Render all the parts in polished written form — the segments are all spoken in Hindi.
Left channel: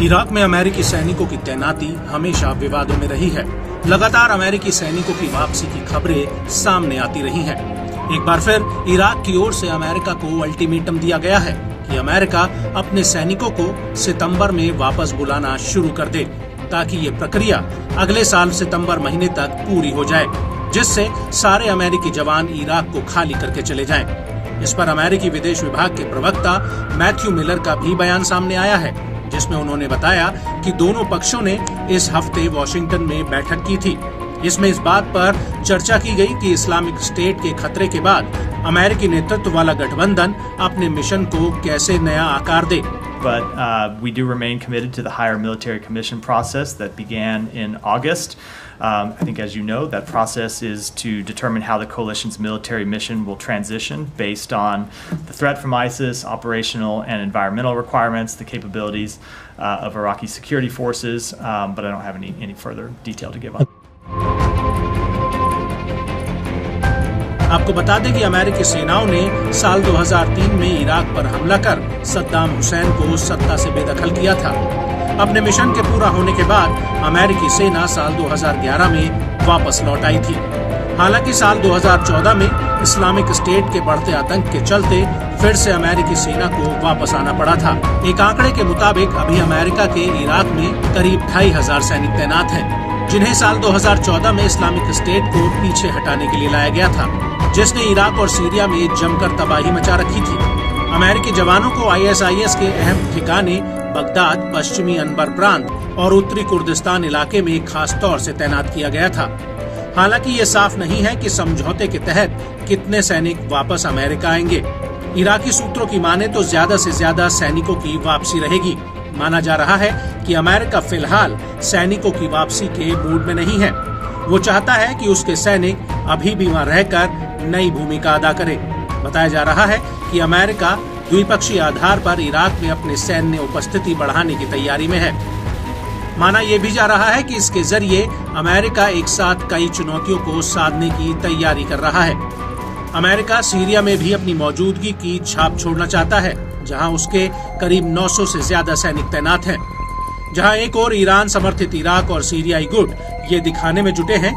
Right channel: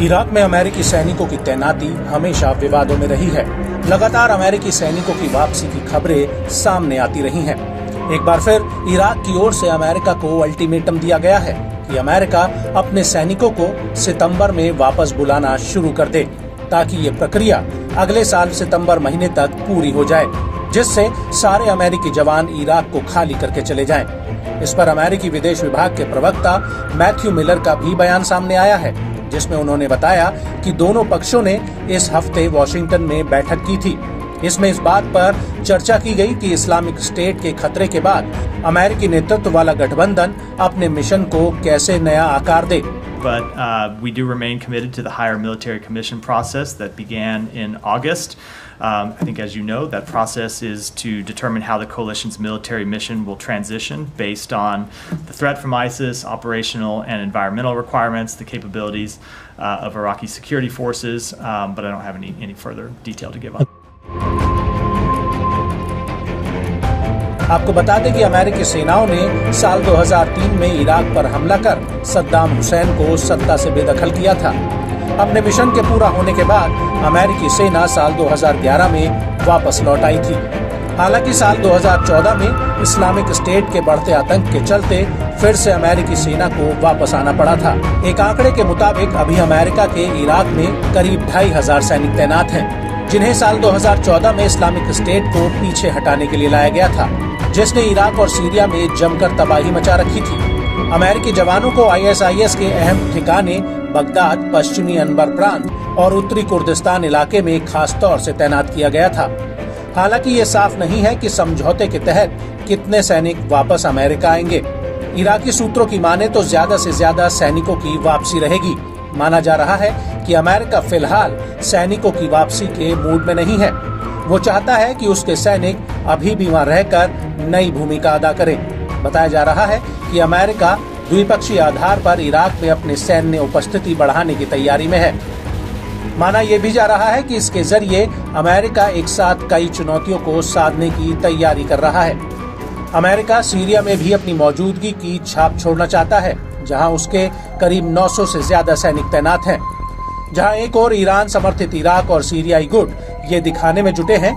इराक में अमेरिकी सैनिकों की तैनाती हमेशा विवादों में रही है। लगातार अमेरिकी सैनिकों की वापसी की खबरें सामने आती रही हैं। एक बार फिर इराक की ओर से अमेरिका को अल्टीमेटम दिया गया है कि अमेरिका अपने सैनिकों को सितंबर में वापस बुलाना शुरू कर दे, ताकि ये प्रक्रिया अगले साल सितंबर महीने तक पूरी हो जाए, जिससे सारे अमेरिकी जवान इराक को खाली करके चले जाएं। इस पर अमेरिकी विदेश विभाग के प्रवक्ता मैथ्यू मिलर का भी बयान सामने आया है, जिसमें उन्होंने बताया कि दोनों पक्षों ने इस हफ्ते वॉशिंगटन में बैठक की थी। इसमें इस बात पर चर्चा की गई कि इस्लामिक स्टेट के खतरे के बाद अमेरिकी नेतृत्व वाला गठबंधन अपने मिशन को कैसे नया आकार दे। But we do remain committed to the higher military commission process that began in August. I think, as you know, that process is to determine how the coalition's military mission will transition based on the threat from ISIS, operational and environmental requirements, the capabilities of Iraqi security forces, but I don't have any further detail to give on. आपको बता दें कि अमेरिकी सेनाओं ने साल 2003 में इराक पर हमला कर सद्दाम हुसैन को सत्ता से बेदखल किया था। अपने मिशन के पूरा होने के बाद अमेरिकी सेना साल 2011 में वापस लौट आई थी। हालांकि साल 2014 में इस्लामिक स्टेट के बढ़ते आतंक के चलते फिर से अमेरिकी सेना को वापस आना पड़ा था। एक आंकड़े के मुताबिक अभी अमेरिका के इराक में करीब 2500 सैनिक तैनात हैं, जिन्हें साल 2014 में इस्लामिक स्टेट को पीछे हटाने के लिए लाया गया था, जिसने इराक और सीरिया में जमकर तबाही मचा रखी थी। अमेरिकी जवानों को ISIS के अहम ठिकाने बगदाद, पश्चिमी अनबर प्रांत और उत्तरी कुर्दिस्तान इलाके में खास तौर से तैनात किया गया था। हालांकि ये साफ नहीं है कि समझौते के तहत कितने सैनिक वापस अमेरिका आएंगे। इराकी सूत्रों की माने तो ज्यादा से ज्यादा सैनिकों की वापसी रहेगी। माना जा रहा है कि अमेरिका फिलहाल सैनिकों की वापसी के मूड में नहीं है। वो चाहता है कि उसके सैनिक अभी भी वहां रहकर नई भूमिका अदा करें। बताया जा रहा है कि अमेरिका द्विपक्षीय आधार पर इराक में अपने सैन्य उपस्थिति बढ़ाने की तैयारी में है। माना यह भी जा रहा है कि इसके जरिए अमेरिका एक साथ कई चुनौतियों को साधने की तैयारी कर रहा है। अमेरिका सीरिया में भी अपनी मौजूदगी की छाप छोड़ना चाहता है, जहां उसके करीब 900 से ज्यादा सैनिक तैनात हैं। जहां एक और ईरान समर्थित इराक और सीरियाई गुट ये दिखाने में जुटे हैं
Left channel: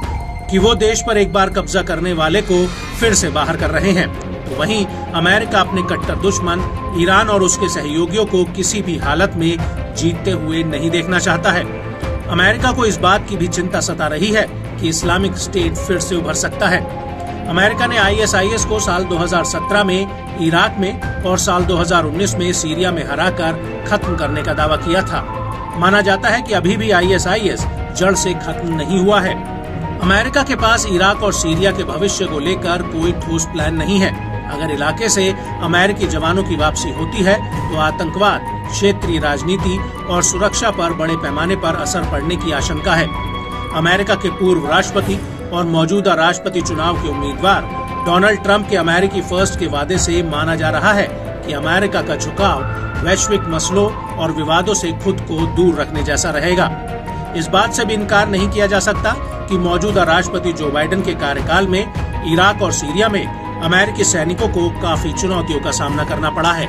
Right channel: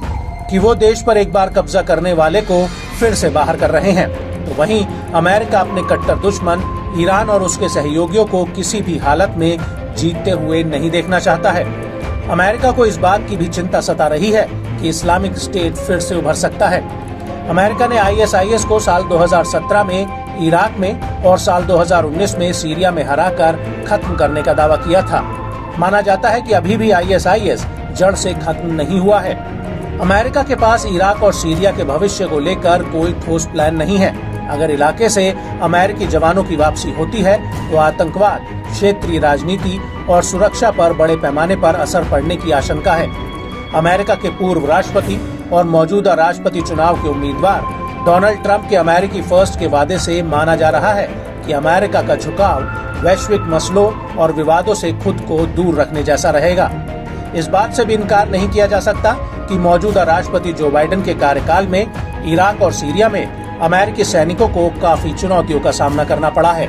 कि वो देश पर एक बार कब्जा करने वाले को फिर से बाहर कर रहे हैं, तो वहीं अमेरिका अपने कट्टर दुश्मन ईरान और उसके सहयोगियों को किसी भी हालत में जीतते हुए नहीं देखना चाहता है। अमेरिका को इस बात की भी चिंता सता रही है कि इस्लामिक स्टेट फिर से उभर सकता है। अमेरिका ने ISIS को साल 2017 में इराक में और साल 2019 में सीरिया में हराकर खत्म करने का दावा किया था। माना जाता है कि अभी भी ISIS जड़ से खत्म नहीं हुआ है। अमेरिका के पास इराक और सीरिया के भविष्य को लेकर कोई ठोस प्लान नहीं है। अगर इलाके से अमेरिकी जवानों की वापसी होती है तो आतंकवाद, क्षेत्रीय राजनीति और सुरक्षा पर बड़े पैमाने पर असर पड़ने की आशंका है। अमेरिका के पूर्व राष्ट्रपति और मौजूदा राष्ट्रपति चुनाव के उम्मीदवार डोनाल्ड ट्रंप के अमेरिकी फर्स्ट के वादे से माना जा रहा है कि अमेरिका का झुकाव वैश्विक मसलों और विवादों से खुद को दूर रखने जैसा रहेगा। इस बात से भी इनकार नहीं किया जा सकता कि मौजूदा राष्ट्रपति जो बाइडेन के कार्यकाल में इराक और सीरिया में अमेरिकी सैनिकों को काफी चुनौतियों का सामना करना पड़ा है।